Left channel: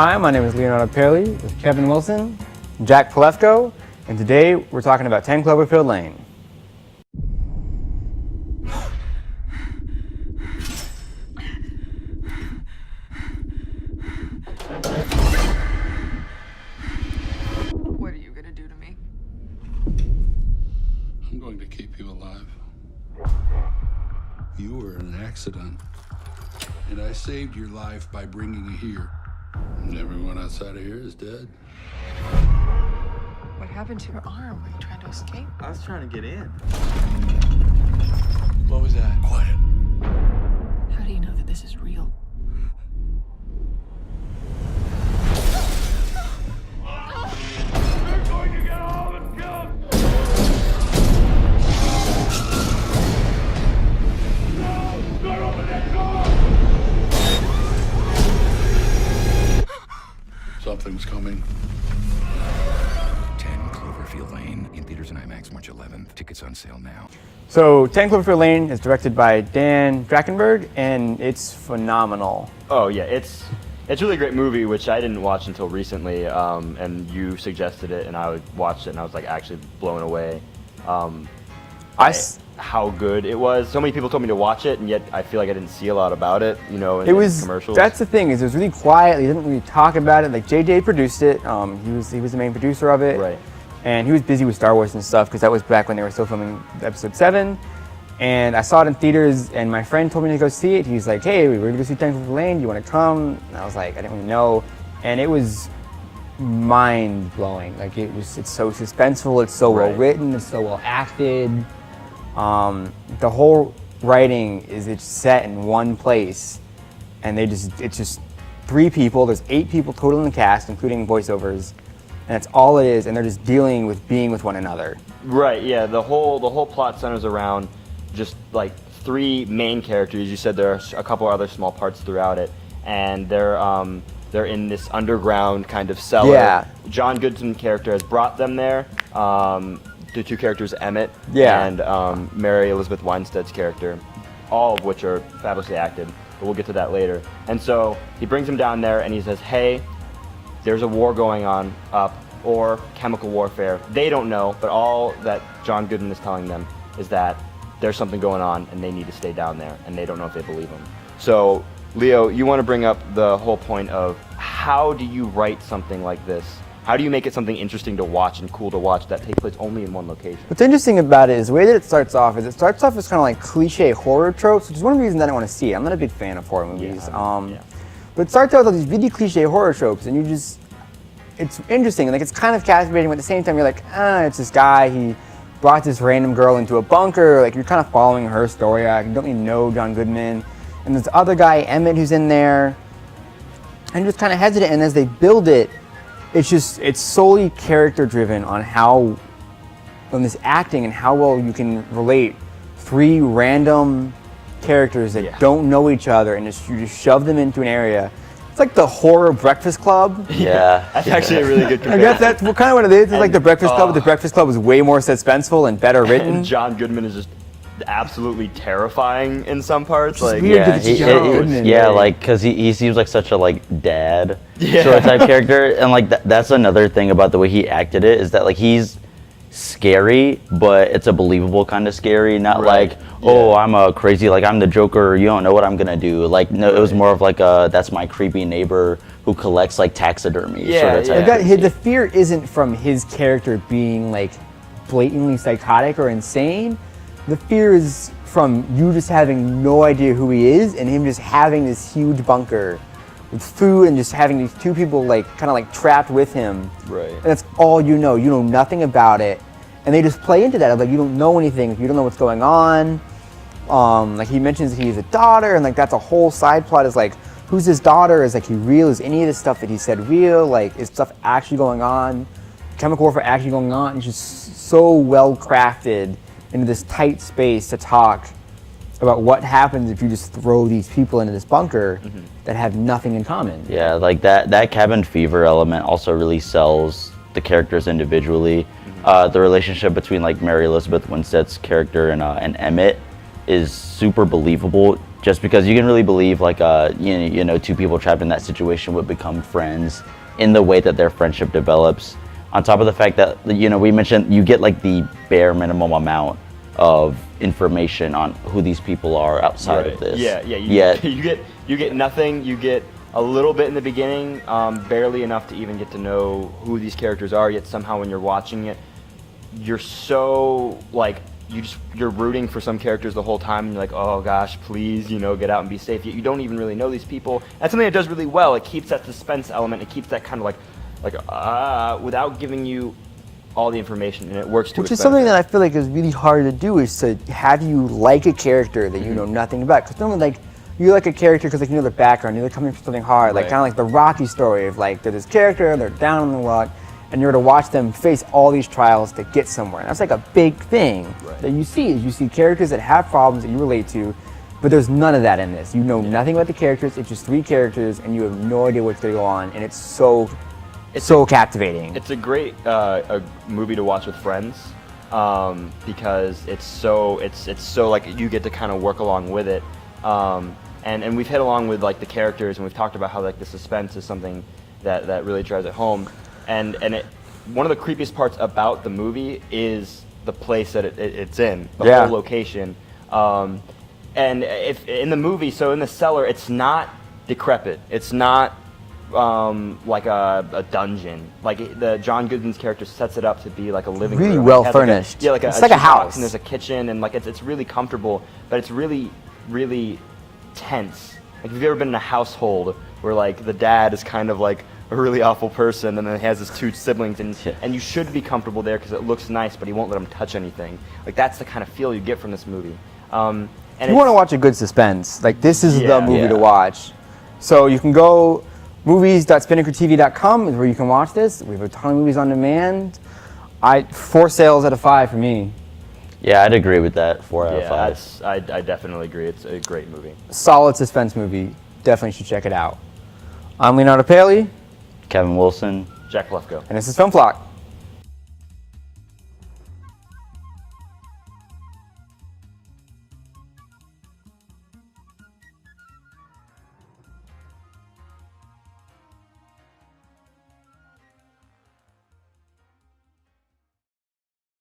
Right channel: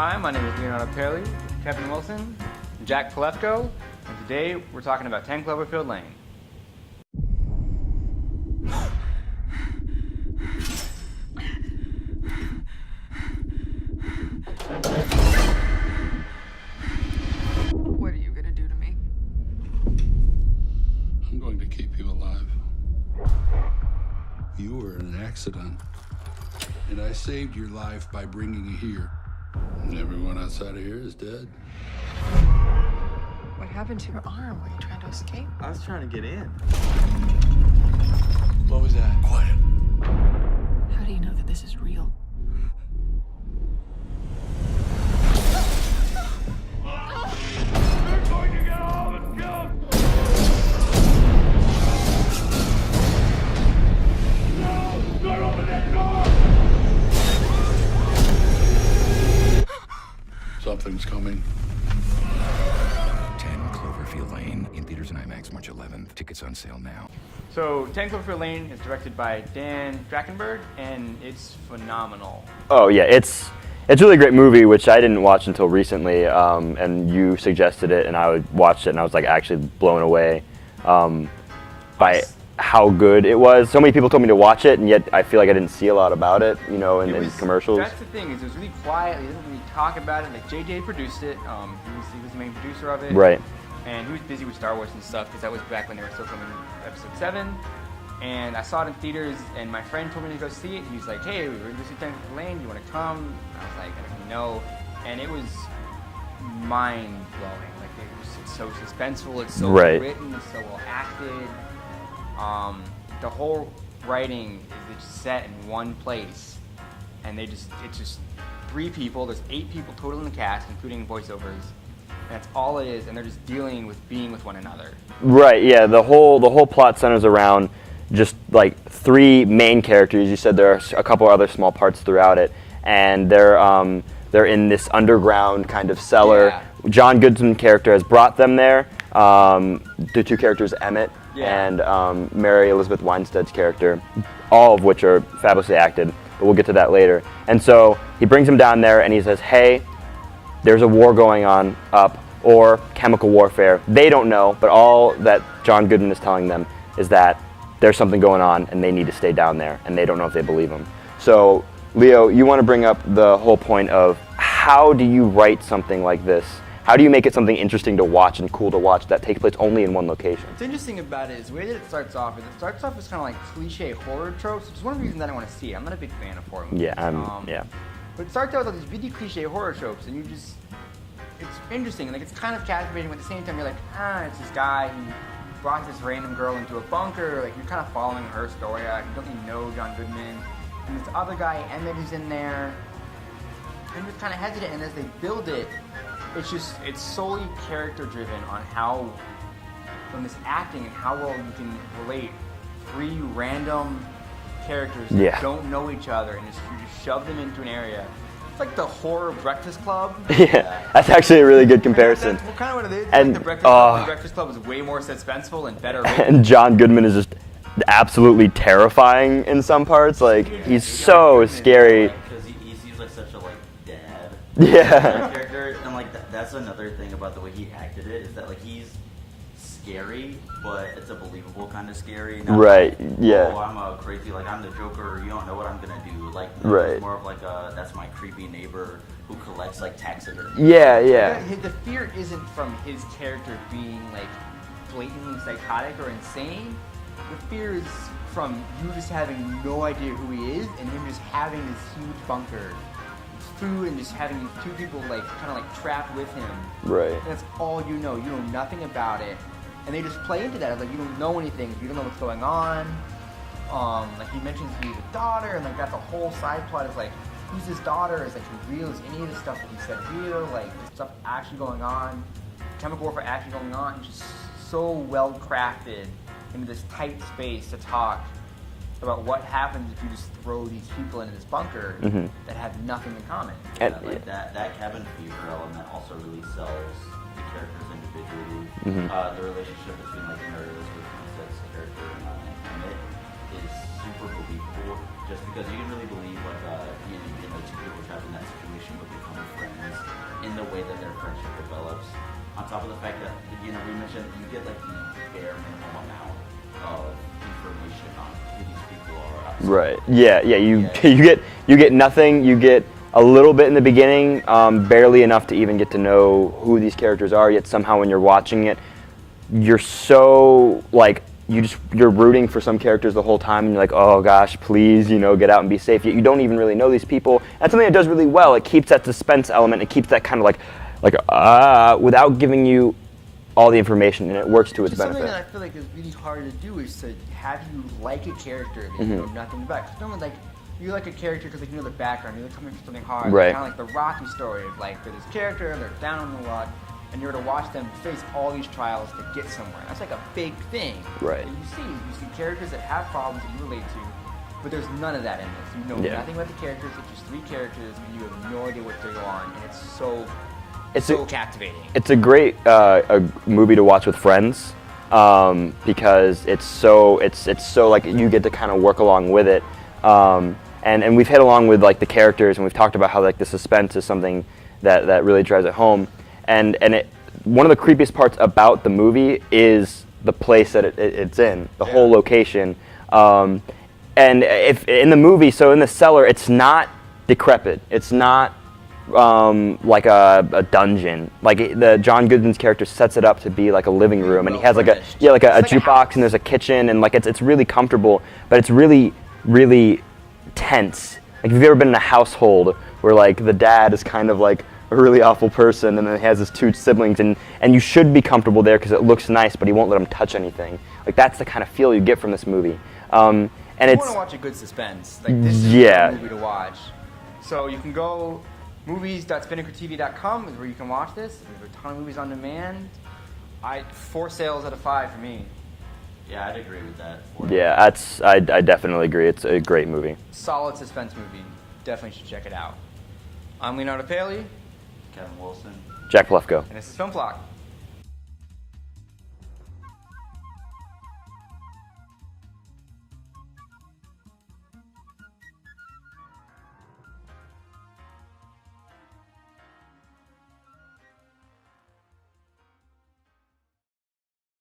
Hi, my name is Leonardo Perli with Kevin Wilson, Jack Palefko, and today we're talking about 10 Cloverfield Lane. What are you gonna do to me? I'm going to keep you alive. You were in an accident, and I saved your life by bringing you here. And everyone outside of here is dead. What happened to your arm? Were you trying to escape? I was trying to get in. What was that? Quiet. How do you know that this is real? They're going to get all of us killed! No! Don't open that door! Something's coming. 10 Cloverfield Lane, in theaters and IMAX March 11th. Tickets on sale now. So 10 Cloverfield Lane is directed by Dan Trachtenberg, and it's phenomenal. Oh yeah, it's a really great movie, which I didn't watch until recently, and you suggested it, and I watched it, and I was like actually blown away how good it was. So many people told me to watch it, and yet I feel like I didn't see a lot about it, in commercials. That's the thing, is it was really quiet. He didn't really talk about it. Like JJ produced it. He was the main producer of it. Right. And he was busy with Star Wars and stuff because that was back when they were still filming Episode 7. And I saw it in theaters, and my friend told me to go see it. He was like, "Hey, we're gonna see 10 Cloverfield Lane. Do you want to come?" And I was like, I didn't really know, and it was mind blowing. Like it's so suspenseful. It's so well written. It's so well acted. The whole writing it's set in one place, and it's just 3 people. There's 8 people total in the cast, including voiceovers, and that's all it is. And they're just dealing with being with one another. Right. Yeah. The whole plot centers around just like 3 main characters. You said there are a couple other small parts throughout it, and they're in this underground kind of cellar. Yeah. John Goodman's character has brought them there. The 2 characters, Emmett and Mary Elizabeth Winstead's character, all of which are fabulously acted, but we'll get to that later. And so he brings them down there and he says, "Hey, there's a war going on up, or chemical warfare." They don't know, but all that John Goodman is telling them is that there's something going on and they need to stay down there, and they don't know if they believe him. So, Leo, you want to bring up the whole point of how do you write something like this? How do you make it something interesting to watch and cool to watch that takes place only in one location? What's interesting about it is the way that it starts off as kind of like cliche horror tropes, which is one of the reasons I don't want to see it. I'm not a big fan of horror movies. But it starts out with all these really cliche horror tropes, and it's interesting. Like, it's kind of captivating, but at the same time you're like, it's this guy, he brought this random girl into a bunker. Like, you're kind of following her story. You don't really know John Goodman. And this other guy, Emmett, who's in there, and you're just kind of hesitant. And as they build it, it's solely character driven on this acting and how well you can relate 3 random characters that don't know each other, and you just shove them into an area. It's like the horror Breakfast Club. Yeah, that's actually a really good comparison. I guess that's kind of what it is. It's like the Breakfast Club. The Breakfast Club is way more suspenseful and better written. And John Goodman is just absolutely terrifying in some parts. Like, He's so scary. Yeah, like, because he seems like such a dad sort of type character, and like that's another thing about the way he acted it, is that like he's scary, but it's a believable kind of scary, not oh, I'm a crazy, like I'm the Joker, you don't know what I'm gonna do. Like, no, it was more of like that's my creepy neighbor who collects like taxidermy. The fear isn't from his character being like blatantly psychotic or insane. The fear is from you just having no idea who he is, and him just having this huge bunker with food, and just having these 2 people kind of trapped with him. Right. And that's all you know. You know nothing about it, and they just play into that. Like, you don't know anything. You don't know what's going on. Like, he mentions he has a daughter, and like that's a whole side plot. Is like, who's his daughter? Is like he real? Is any of this stuff that he said real? Like, is stuff actually going on? Chemical warfare actually going on? It's just so well crafted into this tight space to talk about what happens if you just throw these people into this bunker that have nothing in common. Yeah, like that cabin fever element also really sells the characters individually. The relationship between like Mary Elizabeth Winstead's character and Emmett is super believable, just because you can really believe like you know, two people trapped in that situation would become friends in the way that their friendship develops. On top of the fact that, you know, we mentioned you get like the bare minimum amount of information on who these people are outside of this. You get nothing. You get a little bit in the beginning, barely enough to even get to know who these characters are. Yet somehow when you're watching it, you're so like you're rooting for some characters the whole time, and you're like, oh gosh, please, you know, get out and be safe. Yet you don't even really know these people. That's something it does really well. It keeps that suspense element. It keeps that kind of like without giving you all the information, and it works to its benefit. Which is something that I feel like is really hard to do, is to have you like a character that you know nothing about. Because normally, like, you like a character because like you know their background, you're coming from something hard, like kind of like the Rocky story of like they're this character, they're down on the luck, and you're to watch them face all these trials to get somewhere. And that's like a big thing that you see. Is you see characters that have problems that you relate to, but there's none of that in this. You know nothing about the characters. It's just 3 characters, and you have no idea what's going on, and it's so captivating. It's a great a movie to watch with friends, because it's so like you get to kind of work along with it, and we've hit along with like the characters, and we've talked about how like the suspense is something that really drives it home, and one of the creepiest parts about the movie is the place that it's in, the whole location, and if in the movie, so in the cellar, it's not decrepit, it's not like a dungeon. Like John Goodman's character sets it up to be like a living room. Well it has furnished. like a jukebox, and there's a kitchen, and like it's really comfortable, but it's really, really tense. Like, have you ever been in a household where like the dad is kind of like a really awful person, and then has his 2 siblings, and you should be comfortable there because it looks nice, but he won't let them touch anything. Like, that's the kind of feel you get from this movie. And you want to watch a good suspense. Like, this is the movie to watch. So you can go movies.spinnakertv.com is where you can watch this. We have a ton of movies on demand. 4 sales out of 5 for me. Yeah, I'd agree with that. 4 out of 5. I definitely agree. It's a great movie. Solid suspense movie. Definitely should check it out. I'm Leonardo Paley. Kevin Wilson. Jack Lefko. And this is Film Flock.